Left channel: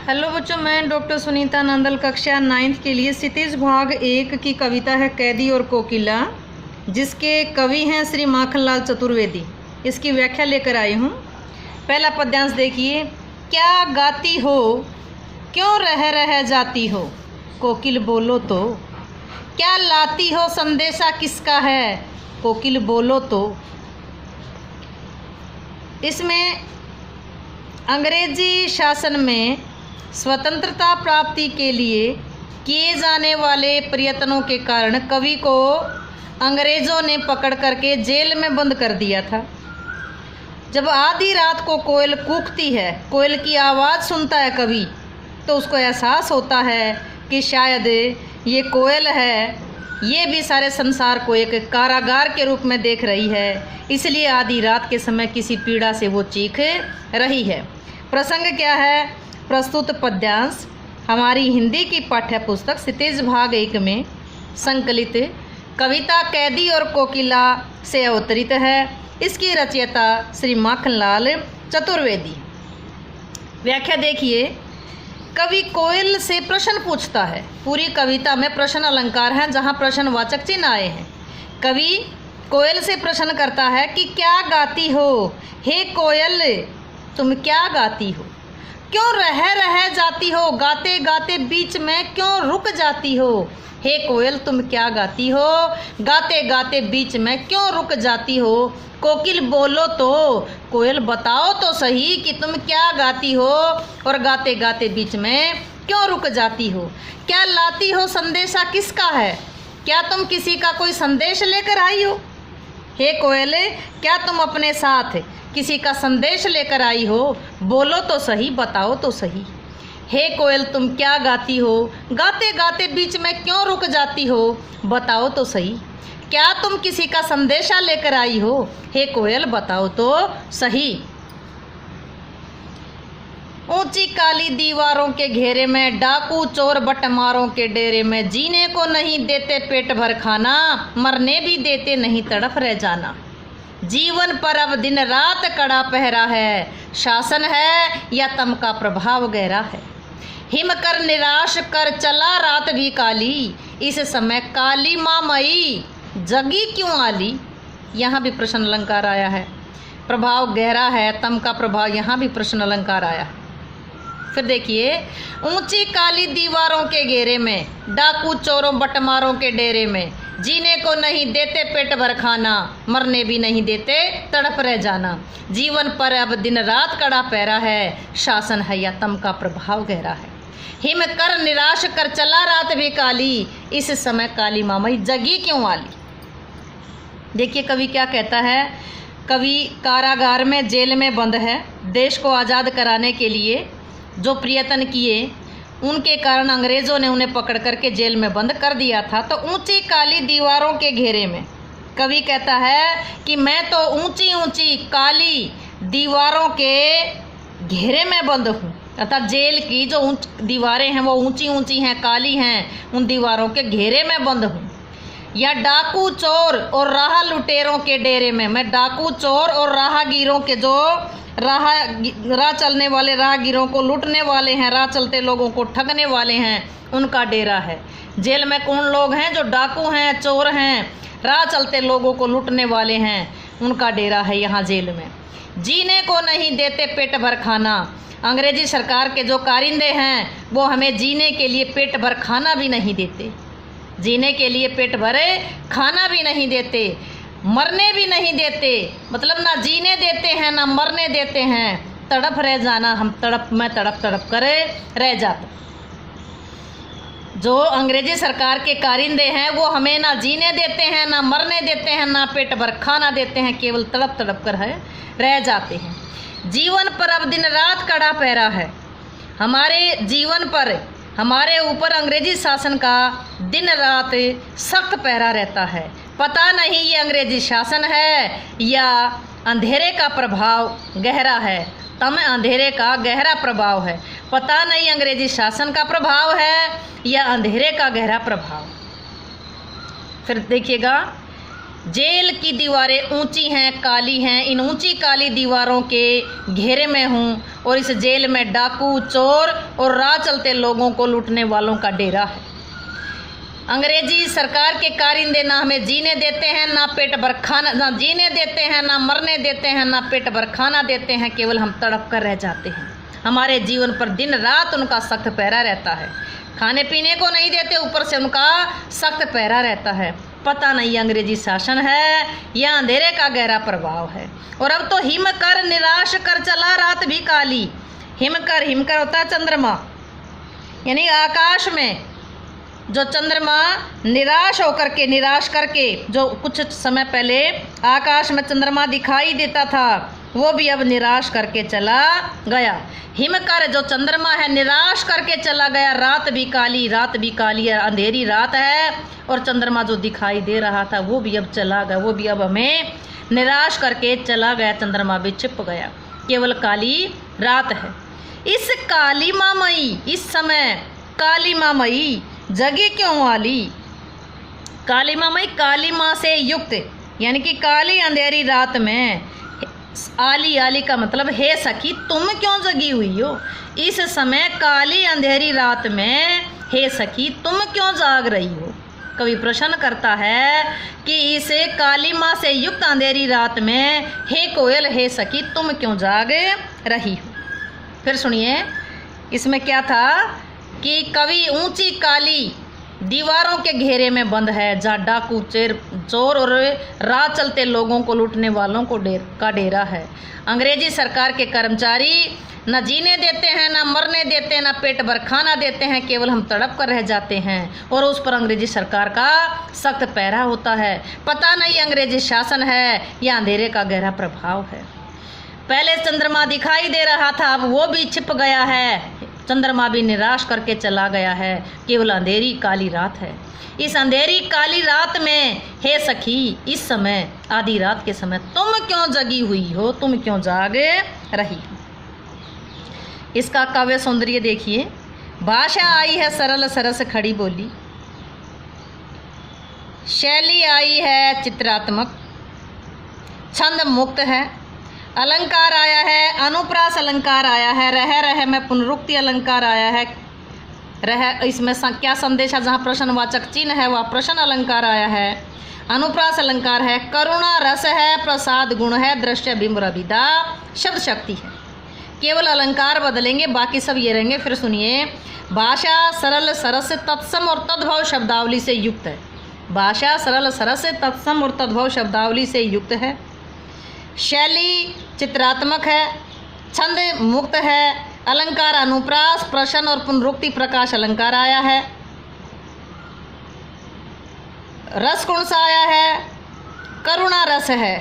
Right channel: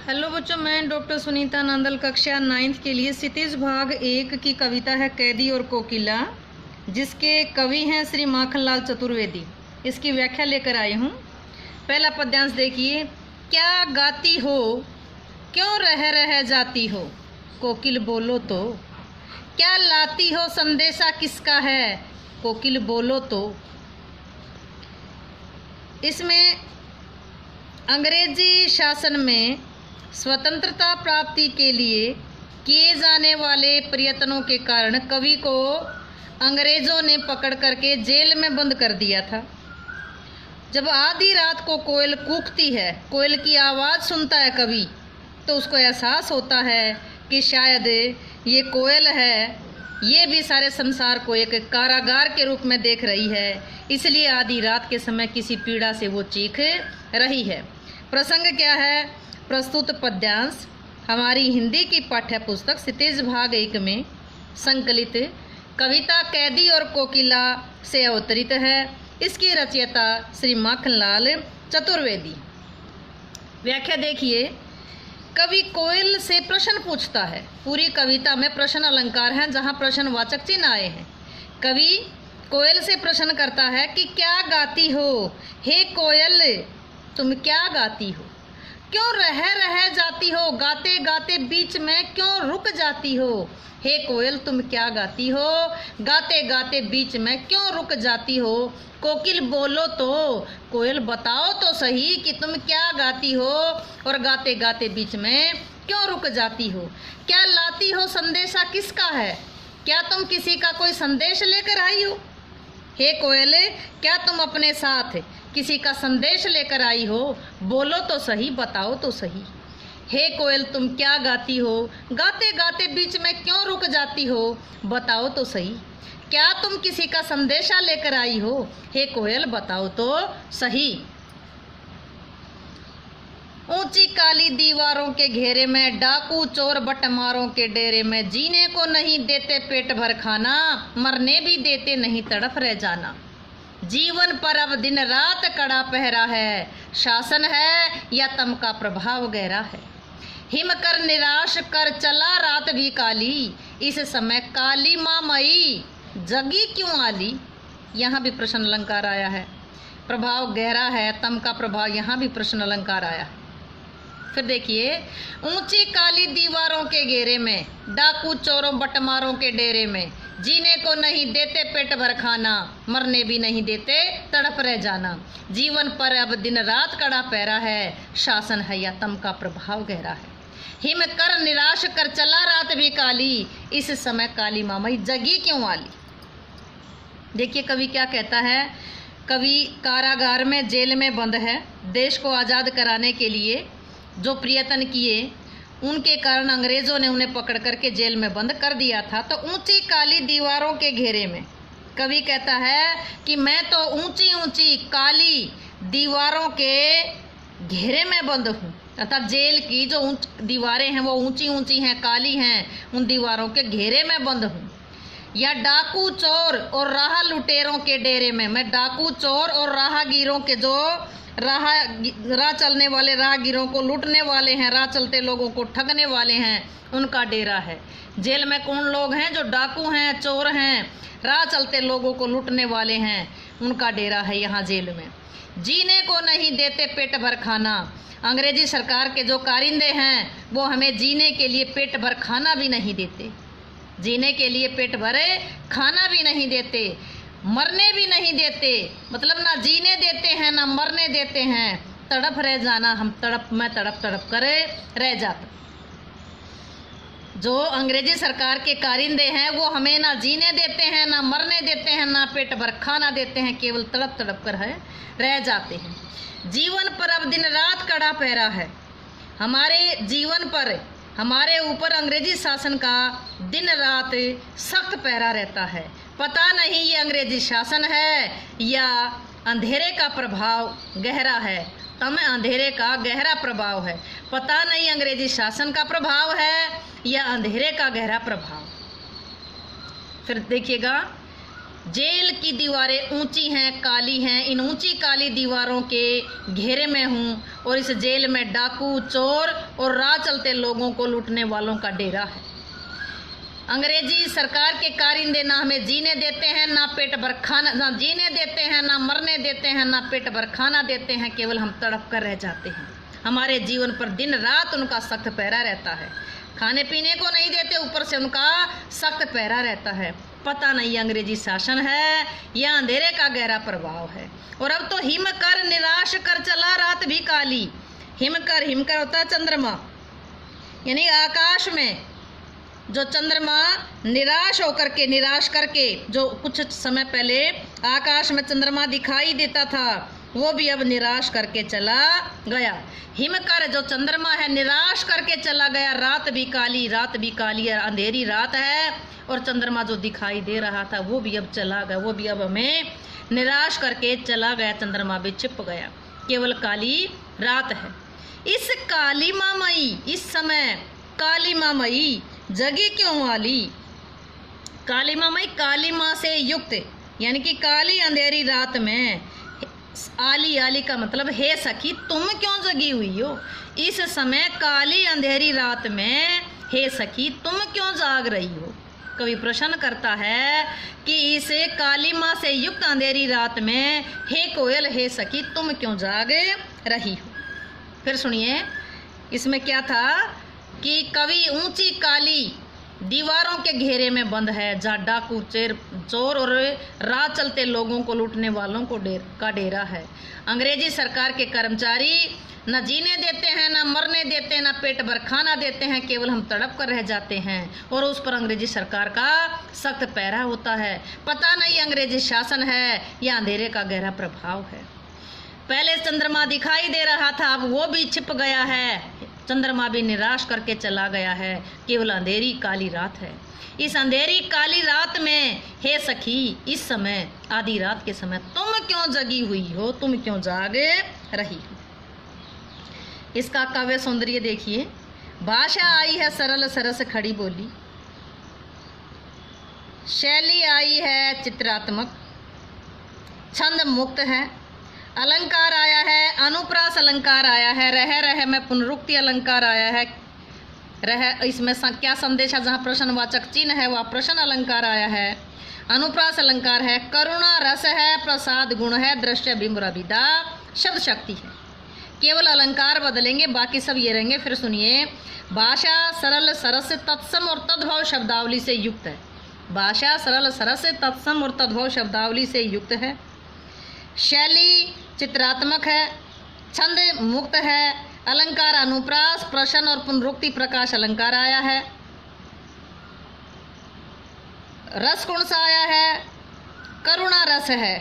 Hello बच्चों, मैं doctor Sunita Nandal कक्षा 9th के लिए क्षितिज भाग 1 की कविता है कैदी और कोकिला, जिसके कवि हैं श्री माखनलाल चतुर्वेदी। इसकी व्याख्या लेकर आई हूँ। पहला पद्यांश देखिए। क्या गाती हो, क्यों रह जाती हो, कोकिल बोलो तो। क्या लाती हो, संदेशा किसका है, कोकिल बोलो तो। इसमें अंग्रेजी शासन में स्वतंत्रता प्राप्ति के लिए किए जाने वाले प्रयत्नों के कारण कवि को अंग्रेज़ों ने पकड़ करके जेल में बंद कर दिया था। जब आधी रात को कोयल कूकती है, कोयल की आवाज़ सुनता है कवि, तो उसको एहसास होता है कि शायद ये कोयल है, ये भी सारे संसार को एक कारागार के रूप में देख रही है, इसलिए आधी रात के समय किसी पीड़ा से वो चीख रही है। प्रसंग क्या है? प्रस्तुत पद्यांश हमारी हिंदी की पाठ्य पुस्तक क्षितिज भाग 1 में संकलित कविता कैदी और कोकिला से अवतरित है। इसकी रचयिता श्री माखनलाल चतुर्वेदी। व्याख्या देखिए। कवि कोयल से प्रश्न पूछता है। पूरी कविता में प्रश्न अलंकार हैं, जहाँ प्रश्नवाचक चिन्ह आए हैं। कवि कोयल से प्रश्न करता है कि क्या गाती हो, हे कोयल तुम क्या गाती हो, क्यों रह जाती हो, गाते गाते बीच में क्यों रुक जाती हो। हे कोयल तुम क्या गाती हो, गाते गाते बीच में क्यों रुक जाती हो, कोकिल बोलो तो। कोयल बताओ तो सही कि तुम क्या गाती हो और गाते गाते बीच में क्यों रुक जाती हो। क्या लाती हो, संदेशा किसका है, क्या तुम किसी का कोई संदेश लेकर आई हो। हे कोयल, क्या तुम अपने साथ किसी का संदेश लेकर आई हो, बोलो तो सही, बताओ तो सही। हे कोयल तुम क्या गाती हो, गाते गाते बीच में क्यों रुक जाती हो, बताओ तो सही। क्या तुम किसी का संदेशा लेकर आई हो, हे कोयल बताओ तो सही। ऊंची काली दीवारों के घेरे में, डाकू चोर बटमारों के डेरे में, जीने को नहीं देते पेट भर खाना, मरने भी देते नहीं तड़फ रह जाना। जीवन पर अब दिन रात कड़ा पहरा है, शासन है या तम का प्रभाव गहरा है। हिम कर निराश कर चला रात भी काली, इस समय काली माँ मई जगी क्यों आली। यहाँ भी प्रश्न अलंकार आया है। प्रभाव गहरा है, तम का प्रभाव, यहाँ भी प्रश्न अलंकार आया है। फिर देखिए। ऊंची काली दीवारों के घेरे में, डाकू चोरों बटमारों के डेरे में, जीने को नहीं देते पेट भर खाना, मरने भी नहीं देते तड़प रह जाना। जीवन पर अब दिन रात कड़ा पहरा है, शासन है या तम का प्रभाव गहरा है। हिम कर निराश कर चला रात भी काली, इस समय काली मामई जगी क्यों आली। देखिए कवि क्या कहता है। कवि कारागार में, जेल में बंद है। देश को आज़ाद कराने के लिए जो प्रयत्न किए, उनके कारण अंग्रेज़ों ने उन्हें पकड़ करके जेल में बंद कर दिया था। तो ऊंची काली दीवारों के घेरे में कवि कहता है कि मैं तो ऊंची ऊंची काली दीवारों के घेरे में बंद हूँ, अर्थात जेल की जो दीवारें हैं वो ऊंची ऊंची हैं, काली हैं, उन दीवारों के घेरे में बंद हूँ। या डाकू चोर और राह लुटेरों के डेरे में, मैं डाकू चोर और राहगीरों के, जो राह चलने वाले राहगीरों को लूटने वाले हैं, राह चलते लोगों को ठगने वाले हैं, उनका डेरा है। जेल में कौन लोग हैं? जो डाकू हैं, चोर हैं, राह चलते लोगों को लूटने वाले हैं, उनका डेरा है यहाँ जेल में। जीने को नहीं देते पेट भर खाना, अंग्रेजी सरकार के जो कारिंदे हैं वो हमें जीने के लिए पेट भर खाना भी नहीं देते, जीने के लिए पेट भरे खाना भी नहीं देते, मरने भी नहीं देते, मतलब ना जीने देते हैं ना मरने देते हैं, तड़प रह जाना, हम मैं तड़प कर रह जाता। जो अंग्रेजी सरकार के कारिंदे हैं वो हमें ना जीने देते हैं, ना मरने देते हैं, ना पेट भर खाना देते हैं, केवल तड़प कर रह जाते हैं। जीवन पर अब दिन रात कड़ा पहरा है। हमारे जीवन पर, हमारे ऊपर अंग्रेजी शासन का दिन रात सख्त पहरा रहता है। पता नहीं ये अंग्रेजी शासन है या अंधेरे का प्रभाव गहरा है, तम अंधेरे का गहरा प्रभाव है। पता नहीं अंग्रेजी शासन का प्रभाव है या अंधेरे का गहरा प्रभाव। फिर देखिएगा। जेल की दीवारें ऊंची हैं, काली हैं, इन ऊंची काली दीवारों के घेरे में हूँ और इस जेल में डाकू, चोर और राह चलते लोगों को लूटने वालों का डेरा है। अंग्रेजी सरकार के कारिंदे ना हमें जीने देते हैं, ना पेट भर खाना, ना जीने देते हैं, ना मरने देते हैं, ना पेट भर खाना देते हैं, केवल हम तड़प कर रह जाते हैं। हमारे जीवन पर दिन रात उनका सख्त पहरा रहता है। खाने पीने को नहीं देते, ऊपर से उनका सख्त पहरा रहता है। पता नहीं अंग्रेजी शासन है या अंधेरे का गहरा प्रभाव है। और अब तो हिम कर निराश कर चला रात भी काली। हिम कर होता है चंद्रमा, यानी आकाश में जो चंद्रमा निराश करके जो कुछ समय पहले आकाश में चंद्रमा दिखाई देता था, वो भी अब निराश करके चला गया। हिमकर जो चंद्रमा है निराश करके चला गया। रात भी काली है, अंधेरी रात है और चंद्रमा जो दिखाई दे रहा था वो भी अब चला गया, वो भी अब हमें निराश करके चला गया। चंद्रमा भी छिप गया, केवल काली रात है। इस काली मामई, इस समय काली मामई जगी क्यों वाली? काली मामई काली माँ से युक्त, यानी कि काली अंधेरी रात में आली का मतलब हे सखी तुम क्यों जगी हुई हो? इस समय काली अंधेरी रात में हे सखी तुम क्यों जाग रही हो? कवि प्रश्न करता है कि इस काली माँ से युक्त अंधेरी रात में हे कोयल, हे सखी तुम क्यों जाग रही हो? फिर सुनिए इसमें क्या था कि कवि ऊंची काली दीवारों के घेरे में बंद है, जहाँ डाकू, चोर और राह चलते लोगों को लूटने वालों का डेरा है। अंग्रेजी सरकार के कर्मचारी न जीने देते हैं, न मरने देते हैं, न पेट भर खाना देते हैं, केवल हम तड़प कर रह जाते हैं और उस पर अंग्रेजी सरकार का सख्त पहरा होता है। पता नहीं अंग्रेजी शासन है या अंधेरे का गहरा प्रभाव है। पहले चंद्रमा दिखाई दे रहा था, अब वो भी छिप गया है। चंद्रमा भी निराश करके चला गया है, केवल अंधेरी काली रात है। इस अंधेरी काली रात में हे सखी, इस समय आधी रात के समय तुम क्यों जगी हुई हो, तुम क्यों जाग रही हो? इसका काव्य सौंदर्य देखिए। भाषा आई है सरल सरस खड़ी बोली, शैली आई है चित्रात्मक, छंद मुक्त है, अलंकार आया है, अनुप्रास अलंकार आया है, रह में पुनरुक्ति अलंकार आया है। इसमें क्या संदेश है? जहाँ प्रश्नवाचक चिन्ह है वह प्रश्न अलंकार आया है। अनुप्रास अलंकार है, करुणा रस है, प्रसाद गुण है, दृश्य बिंब रविदा शब्द शक्ति है। केवल अलंकार बदलेंगे, बाकी सब ये रहेंगे। फिर सुनिए, भाषा सरल सरस तत्सम और तद्भव शब्दावली से युक्त है। भाषा सरल सरस तत्सम और तद्भव शब्दावली से युक्त है। शैली चित्रात्मक है, छंद मुक्त है, अलंकार अनुप्रास, प्रश्न और पुनरुक्ति प्रकाश अलंकार आया है। रस कौन सा आया है? करुणा रस है,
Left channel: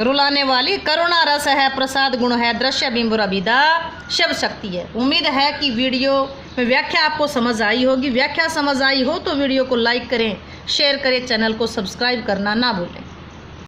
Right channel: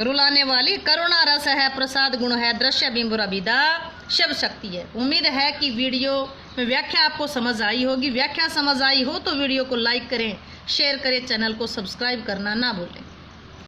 रुलाने वाली करुणा रस है, प्रसाद गुण है, दृश्य बिंब रविदा शब्द शक्ति है। उम्मीद है कि वीडियो में व्याख्या आपको समझ आई होगी। व्याख्या समझ आई हो तो वीडियो को लाइक करें, शेयर करें, चैनल को सब्सक्राइब करना ना भूलें।